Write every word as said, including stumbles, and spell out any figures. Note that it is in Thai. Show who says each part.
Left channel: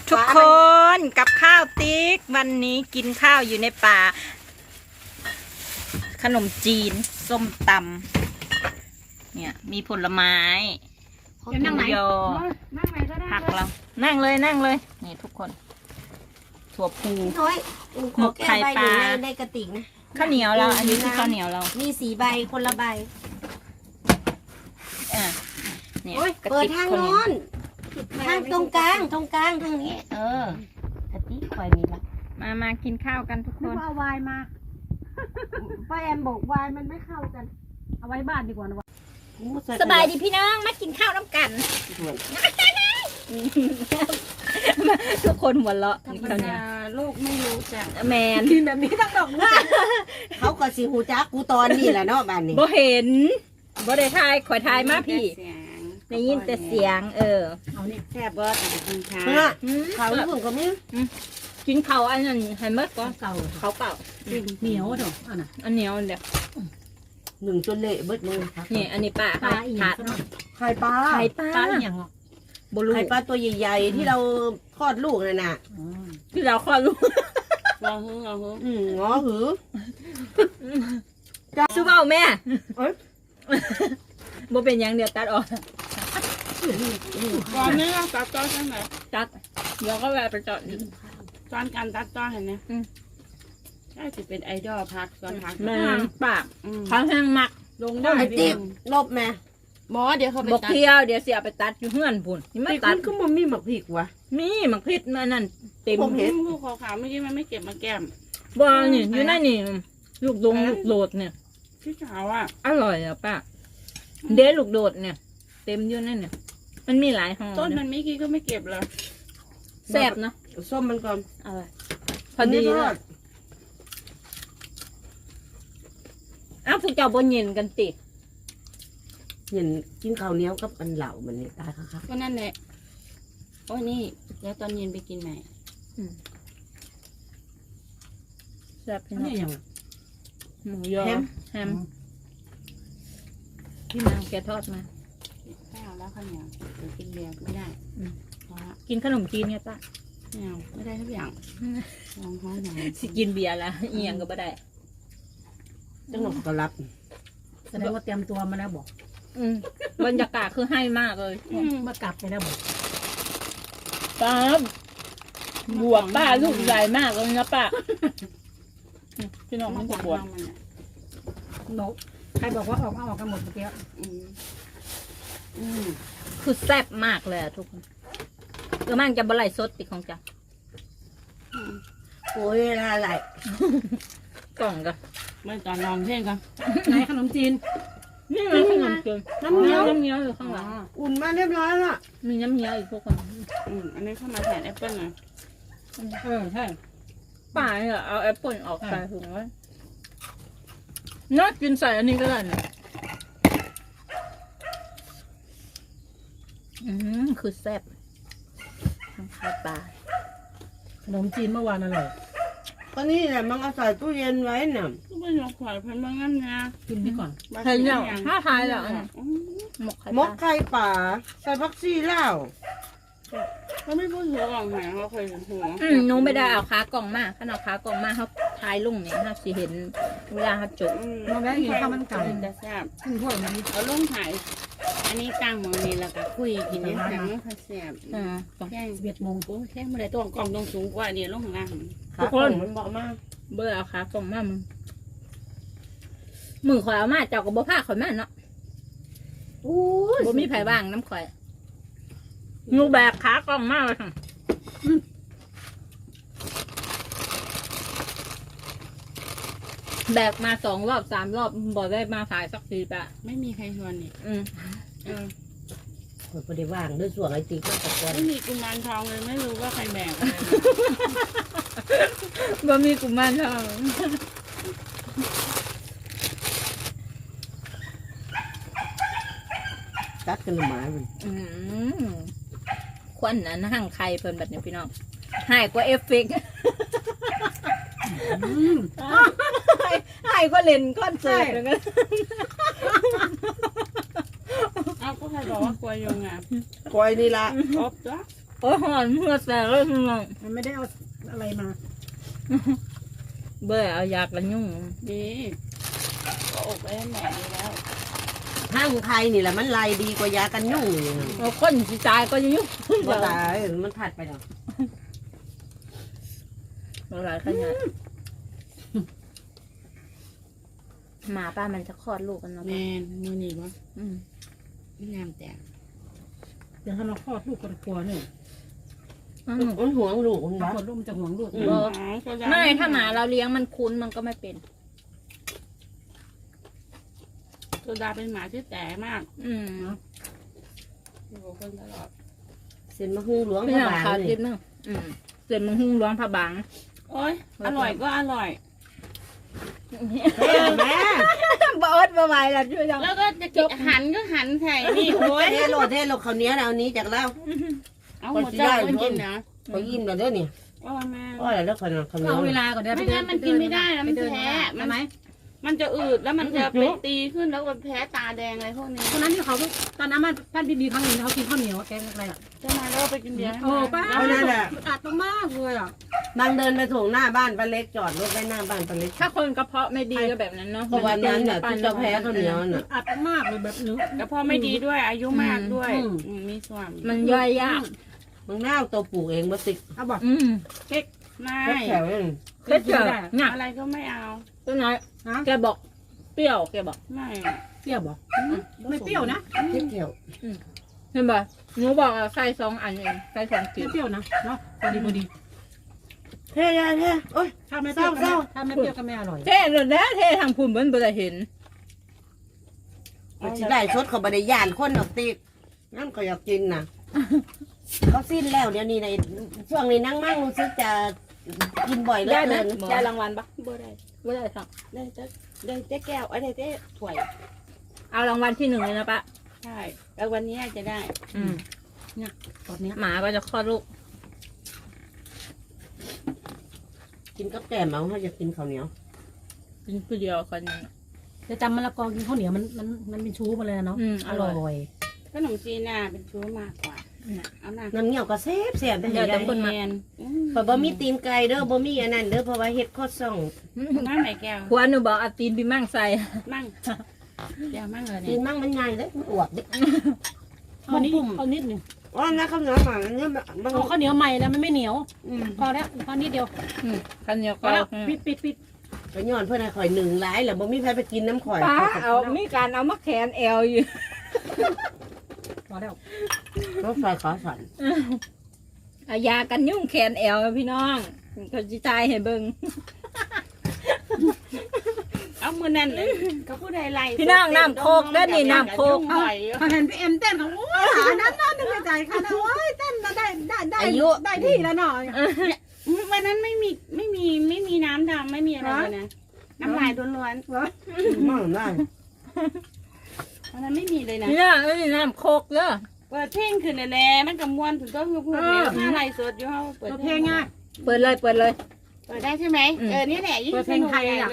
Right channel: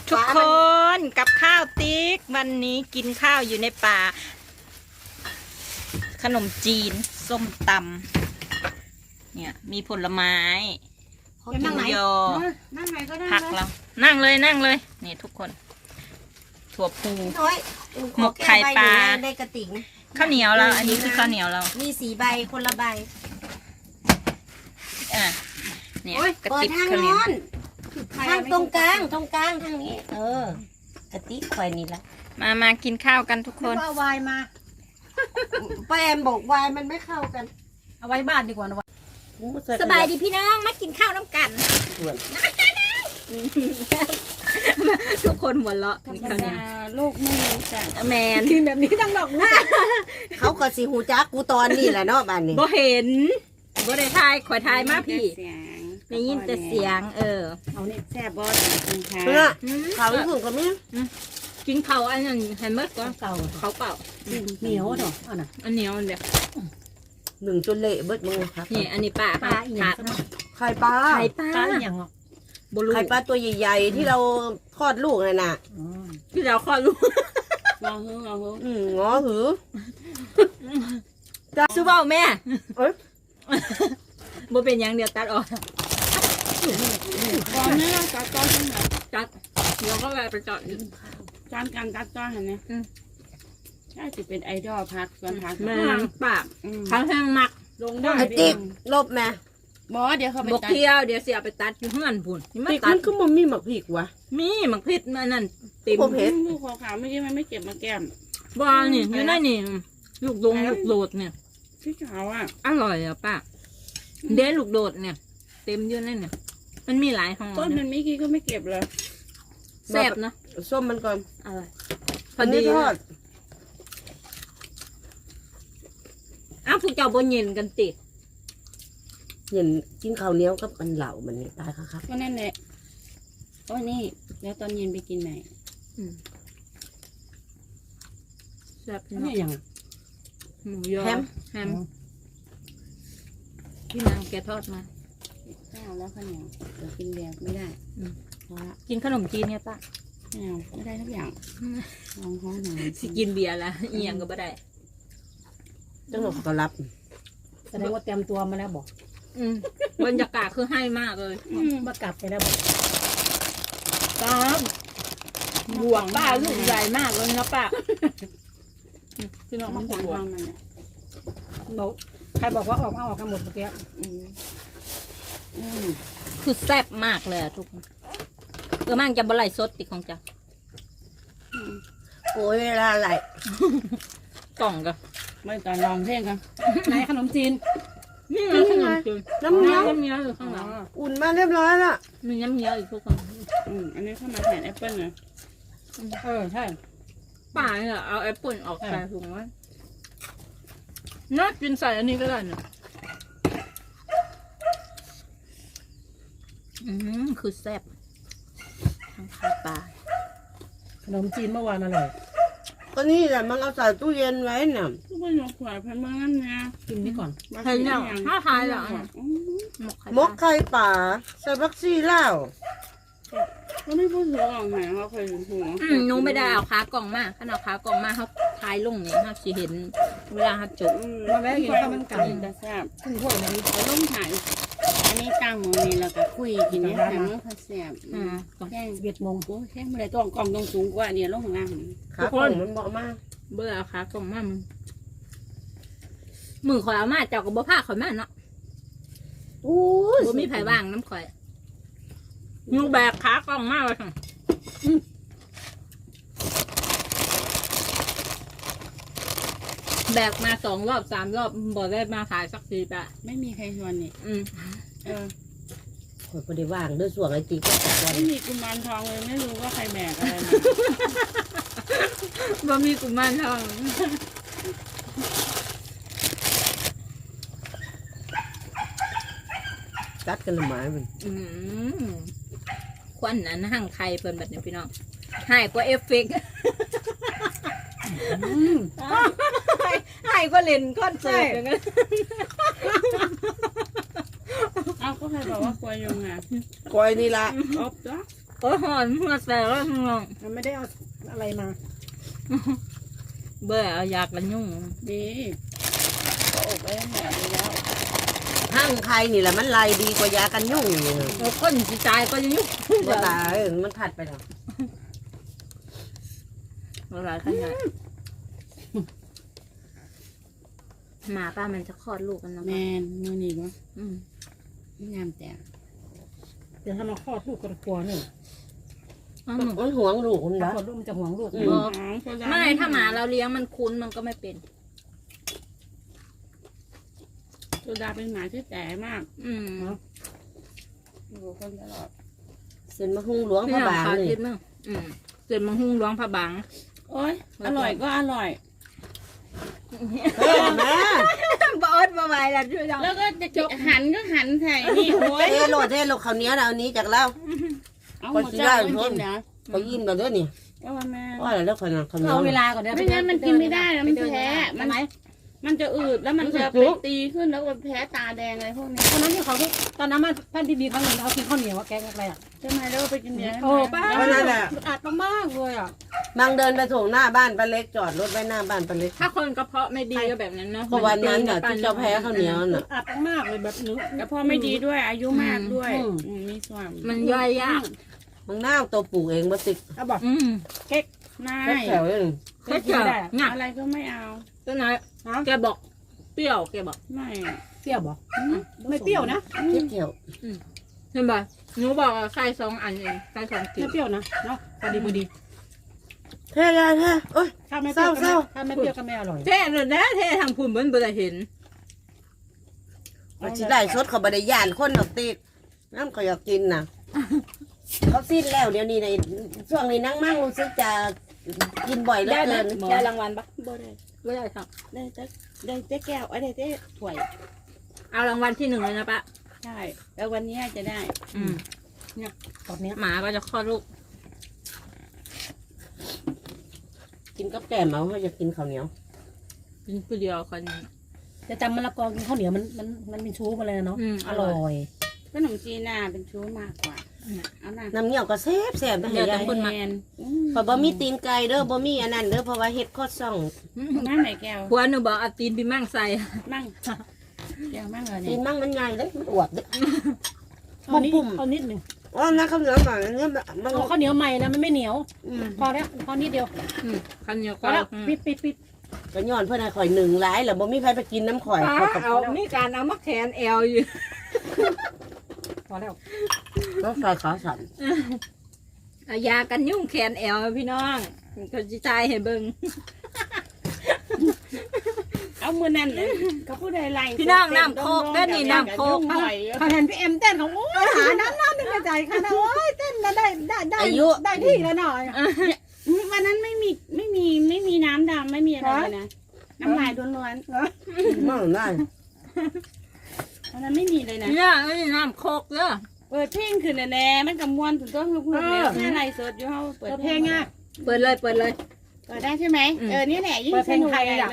Speaker 1: ทุกคนกับข้าวติ๊กวันนี้กินข้าวอยู่ในป่าขนมจีนส้มตำเนี่ยมีผลไม้หมูยอผักเรานั่งเลยนั่งเลยนี่ทุกคนถั่วพูหมกไข่ปลา
Speaker 2: ในกระติกนะ
Speaker 1: ข้าวเหนียวเราอันนี้คือข้าวเหนียวเรา
Speaker 2: มีสีใบคนละใบ
Speaker 1: อ่ะเนี่ยกระ
Speaker 2: เปิด
Speaker 1: ติก
Speaker 2: ทาง
Speaker 1: ข้าวเหนียว
Speaker 2: โน้นทางตรงกลางตรงกลางทางนี้เออกระติกควายนี่ละ
Speaker 1: มามากินข้าวกันทุกคน
Speaker 3: เอาวายมา
Speaker 2: ป้าแอมบอกวายมันไม่เข้ากัน
Speaker 3: เอาไว้บ้านดีกว่านะวะ
Speaker 1: สบายดีพี่น้องมากินข้าวน้ำกันทุกคนหัวเราะเขาเนี่ย
Speaker 3: ลูกไม่รู้จัก
Speaker 1: แมน
Speaker 3: กินแบบนี้ทั้งดอก
Speaker 2: เขาก็สิหูจักกูตอนนี้แหละเนาะบ้านนี้
Speaker 1: บ่เห็นบ่ได้ทายขอทายมาพี่ได้ยินแต่เสียงเออ
Speaker 3: เอาเนี่ยแซ่บเบิร์ดกินข้าว
Speaker 2: เนี่ยเขาลูกกับมึง
Speaker 1: กินเขาอันนั้นให้เมื่อก็เก่าเขาเปล่า
Speaker 3: เหนียวเถอะอันน่ะ
Speaker 1: อันเหนียวเดี๋ยว
Speaker 2: หนึ่งจนเละเบิดมือครับ
Speaker 1: นี่อันนี้ปลาค่ะขาด
Speaker 2: ไข่ปลา
Speaker 1: ไข่ปลา
Speaker 3: อย่างอ่ะ
Speaker 2: ไข่ปลาตัวใหญ่ๆที่เราคลอดลูกเลยน่ะ
Speaker 1: ที่เราคลอดลูก
Speaker 3: งอหืองอหือ
Speaker 2: อืมงอหือ
Speaker 1: ซื้อเปล่าแม่บ่เป็นอย่างเดียวตัดออก
Speaker 3: ตอนนี้ต้องตัดต้นใช่ไหม
Speaker 1: ตัดเดี๋ยวก็แวะไปจอด
Speaker 3: ตอนการตัดต้นเห็นไหมใช่จะเป็นไอดอลพักตอนพัก
Speaker 1: แม่ปากพักแห้งหมัก
Speaker 3: ลงได้
Speaker 2: ติ๊กลบแม่
Speaker 3: หมอเดี๋ยวเขาไป
Speaker 1: ตัดบกเที่ยวเดี๋ยวเสียไปตัดอยู่เฮือนพุ่น
Speaker 2: นี่มันตัดก็มันมีหมักพริกวะ
Speaker 1: มีหมักพริกมันนั่นเต็ม
Speaker 3: เห็นลูกขาวๆเมื่อกี้มันไม่เก็บมาแก้ม
Speaker 1: บ้านี่อยู่นั่นนี่ลูกดงลูกโดดเนี่ย
Speaker 3: พี่สาวอ่ะ
Speaker 1: อร่อยอ่ะป้าเดี๋ยวลูกโดดเนี่ยเต็มอยู่นั่นเนี่ยมันมีหลายห่อ
Speaker 3: ต้นมันไม่กี่ก็ไม่เก็บเลย
Speaker 1: แซ่บเนาะ
Speaker 2: ส้มมันก่อน
Speaker 1: อะไรพอดีเลยอ้าวพวกเจ้าบนเย็นกันติด
Speaker 2: เห็นกินข้าวเหนียวกับมันเหล่ามันตายครับ
Speaker 3: ก็นั่นแหละโอ้นี่แล้วตอนเย็นไปกินใหม่
Speaker 1: แซ่บพี่น้อง
Speaker 2: อย่าง
Speaker 1: หมูยอแฮมพี่นางแกทอดมา
Speaker 3: ข้าวแล้วข้าวเหนียวเดี๋ยวกินแดกไม่ได้
Speaker 1: กินขนมจีนเนี่ยป้า
Speaker 3: ไม่เอาไม่ได้ทุกอย่างลองท้องหน่อย
Speaker 1: สิกินเบียร์ละเอียงก็ไม่ได้
Speaker 2: จังหวะก็รับ
Speaker 3: แสดงว่าเตรียมตัวมาแล้วบอก
Speaker 1: บรรยากาศคือให้มากเลย
Speaker 3: มากลับไปแล้วบอก
Speaker 1: ป้าบวกป้าลูกใหญ่มากเลยนะป้าพี่น้องมันบวก
Speaker 3: บอกใครบอกว่าออกเอาออกกันหมดเมื่อกี้
Speaker 1: คือแซ่บมากเลยทุกคนเออมั่งจะบะไหลสดติดของจ้ะ
Speaker 2: โอ้ยเวลาไหล
Speaker 1: กล่องกัน
Speaker 3: ไม่ตอนลองเพลงครับไหนขนมจีน
Speaker 1: นี่มันขนมจีนน้ำเงี้ยวน้ำเงี้ยวอยู่ข้างหลัง
Speaker 2: อุ่นมาเรียบร้อยละ
Speaker 1: มีน้ำเงี้ยวอีกพวกคน
Speaker 3: อืมอันนี้เข้ามาแทนแอปเปิ้ลไงเออใช่
Speaker 1: ป่าเนี่ยเอาแอปเปิ้ลออกใส่ถุงไว้น่ากินใส่อันนี้ก็ได้เนี่ยอืมคือแซ่บทั้งไข่ปลา
Speaker 3: ขนมจีนเมื่อวานอร่อย
Speaker 2: ก็นี่แหละมันเอาใส่ตู้เย็นไว้เนี่ย
Speaker 3: ก็ไม่ยอมขวายเพิ่มมางั้นนะกินนี่ก่อน
Speaker 1: เห็นแล้วห้าทายแล้ว
Speaker 2: มกไข่ป่าใส่บักซี่เหล้า
Speaker 3: เขาไม่พูดหัวหลังแหงเขาเคยเห็นหัว
Speaker 1: อืมน้องไม่ได้เอาขากล่องมาขนาดขากล่องมาเขาทายลงเนี่ยเขาสิเห็นเวลาเขาจบ
Speaker 3: มาแม่กินข้าวมันไก่จะแซ่บขึ้นพวกนี้เขาลงถ่ายอันนี้กลางมือนี่เราก็คุยกินเนี่ยหนังเขาแซ่บ
Speaker 1: อ่า
Speaker 3: แค่สิบเอ็ดโมงปุ๊บแค่เมื่อไรต้องกล่องต้องสูงกว่าเนี่ยลงข้างล่าง
Speaker 1: ทุกคน
Speaker 2: มันบอกมาก
Speaker 1: เบื่อเอาขากล่องมามึงมือข่อยเอามาเจ้ากับบ่ผ้าข่อยมาเนาะบ่มีไผ่บ้างน้ำข่อยงูแบกขากล่องมากเลยค่ะแบกมาสองรอบสามรอบบอกได้มาขายสักสี่บาท
Speaker 3: ไม่มีใครชวนนี่
Speaker 1: อืม
Speaker 3: เออ
Speaker 2: คนพอดีว่างด้วยส่วนไอตีก็ตะกอน
Speaker 3: ไม่มีกุมารทองเลยไม่รู้ว่าใครแบกอะไร
Speaker 1: บ่มีกุมารทอง
Speaker 2: กัดกันหมาเลย
Speaker 1: ควันนั้นหั่งไข่เพิ่นแบบนี้พี่น้องหายกว่าเอฟเฟกต์หายกว่าเล่นคอนเสิร์ตอย่างนั้น
Speaker 3: เอาก็ใครบอกว่ากลัวยุงอ่ะ
Speaker 2: กลัวนี่ละ
Speaker 3: อ๊อบจ้ะ
Speaker 1: โอ้ยหอนเมื่อแต่เลยพี่น้อง
Speaker 2: มันไม่ได้เอาอะไรมา
Speaker 1: เบื่อเอายากันยุ่ง
Speaker 3: ดีก็อบไว้แม่ดีแล้ว
Speaker 2: ห้างไทยนี่แหละมันลายดีกว่ายากันยุ่งนี่
Speaker 1: เราคนสิตายก็จะยุ่ง
Speaker 2: บ่ตายมันถัดไปแล้ว
Speaker 1: เราหลายขนาดหมาป้ามันจะคลอดลูกกันเนาะ
Speaker 3: แม่มือนี่วะ
Speaker 1: อืม
Speaker 3: ไม่งามแต่
Speaker 4: เดี๋ยวถ้าเราคลอดลูกกันกลัวเนี่ย
Speaker 1: อ้าว
Speaker 2: มันห่วงลูกมัน
Speaker 4: ถ้า
Speaker 2: นะ
Speaker 4: คลอดลูกมันจะห่วงลูก
Speaker 1: บอกไม่ถ้าหมาเราเลี้ยงมันคุ้นมันก็ไม่เป็น
Speaker 3: โซดาเป็นหมาที่แต่มาก
Speaker 1: อืม
Speaker 3: อยู่คนตลอด
Speaker 2: เส้นมะฮุงหลวง
Speaker 1: พี่
Speaker 2: พระ
Speaker 1: น้อง
Speaker 2: บาง
Speaker 1: ขาด
Speaker 2: นี่
Speaker 1: คิดมั้งอืมเสร็จมังหุงร้องพระบัง
Speaker 3: โอ้ยอร่อยก็อร่อย
Speaker 2: เฮ้ยแม่
Speaker 1: บอสมาใหม่ละช่วยยัง
Speaker 3: แล้วก็จะหันก็หันใส่นี่โอ้ย
Speaker 2: เทโลเทโลเขาวเหนี้ยวนะเอานี้จากเรา
Speaker 3: เอาหมดเจ้าคนกินเนาะ
Speaker 2: เขายิ้มไปเด้อนี่
Speaker 3: โอ้ยแม่
Speaker 2: ว่าอะไรแล้วขนาดเขาวเหนี้ย
Speaker 4: เอา
Speaker 2: ว
Speaker 4: เวลาก่อนเดี๋ยว
Speaker 3: ไม่งั้นมันกินไม่ได้นะมันแพ้
Speaker 4: ใช่ไหม
Speaker 3: มันจะอืดแล้วมันจะไปตีขึ้นแล้วก็แพ้ตาแดงอะไรพวกนี้
Speaker 4: คนนั้นที่เขาตอนนั้นมาท่านพี่บีครั้งหนึ่งเขากินข้าวเหนียวว่าแกงอะไรอ่ะ
Speaker 3: ใช่ไหมแล้วไปกินเบียร์ให้
Speaker 4: โอ้ป้า
Speaker 2: เพราะนั่นแหละ
Speaker 4: อัดมากเลยอ่ะ
Speaker 2: บางเดินไปส่งหน้าบ้านป้าเล็กจอดรถไว้หน้าบ้านป้าเล็ก
Speaker 1: ถ้าคนกระเพาะไม่ดีก็แบบนั้นเนาะ
Speaker 2: เพราะวันนั้นน่ะที่เจ้าแพ้ข้าวเหนียวน่ะ
Speaker 4: อัดมากเลยแบบนึก
Speaker 3: แล้วพ่อไม่ดีด้วยอายุมากด้วย
Speaker 2: อืม
Speaker 3: อืมมีส่วน
Speaker 1: มันย่อยยาก
Speaker 2: บางหน้าเอาตัวปลูกเองมาติด
Speaker 4: เอาบอก
Speaker 1: อืม
Speaker 3: ไม่
Speaker 2: แค่แถวเอง
Speaker 1: แค่เจอหนัก
Speaker 3: อะไรก็ไม่เอา
Speaker 1: ตัวไหน
Speaker 4: นะ
Speaker 1: แกบอกเปรี้ยวแกบอก
Speaker 3: ไม่
Speaker 4: เปรี้ยวบอกไม่เปรี้ยวนะ
Speaker 2: แค่แถว
Speaker 1: เห็นป่ะหนูบอกอะใส่สองอันเองใส่สองจิ๋
Speaker 4: ไม่
Speaker 1: ว
Speaker 4: เปรี้ยวนะเนาะพอดีพอดี
Speaker 2: เท่ได้เท่โอ้ย
Speaker 4: ถ้าไม่เปรี้ยว
Speaker 2: เศร้า
Speaker 4: ถ้าไม่เปรี้ยวก็ไม่อร่อย
Speaker 1: เท่เลยนะเท่ทางภูมิเบิ้ลบ่ได้เห็น
Speaker 2: มันสิได้สดเขาบริยานคนดอกติดน้ำเขาอยากกินน่ะเขาสิ้นแล้วเดี๋ยวนี้ในช่วงนี้นั่งมั่งรู้สึกจะกินบ่อยเหลือ
Speaker 1: ได้ไหม
Speaker 2: เกิน
Speaker 1: ได้รางวัลปะ
Speaker 3: บ่ได้
Speaker 1: ไม่ได้สั่ง
Speaker 3: ได้เจ๊ได้เจ๊แก้วอะไรเจ๊ถ้วย
Speaker 1: เอารางวัลที่หนึ่งเลยนะปะ
Speaker 3: ใช่แล้ววันนี้จะได้
Speaker 1: อืม
Speaker 4: ตอนเนี้ย
Speaker 1: หมาก็จะคลอดลูก
Speaker 2: กินกับแกมเอาเขาอยากกินข้าวเหนียว
Speaker 1: กินผู้เดียวคน
Speaker 4: จะจำมะละกอกินข้าวเหนียวมันมันมันเป็นชู้มาเลยนะเนาะ
Speaker 1: อืม
Speaker 4: อ
Speaker 1: อร่
Speaker 4: ร่
Speaker 1: อย
Speaker 4: อย
Speaker 3: ขนมจีนน่ะเป็นชู้มากกว่าเอาหน้า
Speaker 2: น้ำเหนียวก็แซ่บแซ่บได้
Speaker 1: เดี๋ยว
Speaker 2: เล
Speaker 1: แต่
Speaker 2: ย
Speaker 1: คนมา
Speaker 3: แมนอืม
Speaker 2: พอบ่มีตีนไก่เด้อบ่มีอันนั้นเด้อเพราะว่าเฮ็ดข้อซ่อง
Speaker 3: นั่งไหนแก้ว
Speaker 1: ผัวหนูบอกเอาตีนไปมั่งใส่
Speaker 3: มั่งแก้วมั่งเลย
Speaker 2: ตี
Speaker 3: เนี่ย
Speaker 2: นมั่งมันง่ายเด้อมันอวบเด้อ
Speaker 4: เอานิด
Speaker 2: ปุ่ม
Speaker 4: เอานิดหนึ่ง
Speaker 2: อ๋อนะข้าวเหนียวหน่อยอันนี้แบบบาง
Speaker 4: เอาข้าวเหนียวใหม่นะมันไม่เหนียว
Speaker 2: อืม
Speaker 4: พอแล้วพอนิดเดียว
Speaker 1: อืมคันเดียว
Speaker 4: พ
Speaker 1: ก็
Speaker 4: อแล้ว
Speaker 1: อืม
Speaker 4: ปิดปิดปิด
Speaker 2: ก็ย้อนเพื่อนให้ข่อยหนึ่งหลายแหละบ่มีใครไปกินน้ำข่อย
Speaker 1: ป้าเอามีการเอามาแขนแอลอยู่
Speaker 4: พอแล้ว
Speaker 2: ก็ข่อยขอสั่น
Speaker 1: เอายากันยุ่งแขนแอลพี่น้องเขาจะตายให้เบิ่ง
Speaker 3: เอามือนั่นเลยก็ผู้ใดไล่
Speaker 1: พี่น้องน้ำโคกเด้อนี่น้ำโคก
Speaker 3: หน่อย
Speaker 4: พอเห็นพี่เอ็มเต้นของโอ้ยหาน้ำน้ำนึกในใจค่ะนะโอ้ยเต้นแล้วได้ได้ได้
Speaker 2: อายุ
Speaker 4: ได้ที่แล้วหน่อย
Speaker 3: วันนั้นไม่มีไม่มีไม่มีน้ำดำไม่มีอะไรเลยนะน้ำลายล้วน
Speaker 2: มั่งได้
Speaker 3: ๆวันนั้นไม่มีเลยนะ
Speaker 1: พี่น้องเอ้ยน้ำโคกเด้อ
Speaker 3: เปิดเพลงขึ้นแน่ๆมันกับมวนถึงต้องพูดเนี่ยถ้าไล่สดอยู่เขาเปิด
Speaker 4: เพลงง่าย
Speaker 1: เปิดเลยเปิดเลย
Speaker 3: เปิดได้ใช่ไหมเออนี่แหละยิ่ง
Speaker 4: เปิด
Speaker 3: ส
Speaker 4: เพลง
Speaker 3: นุก
Speaker 4: ไทย
Speaker 3: ใหญ่
Speaker 4: อ่ะ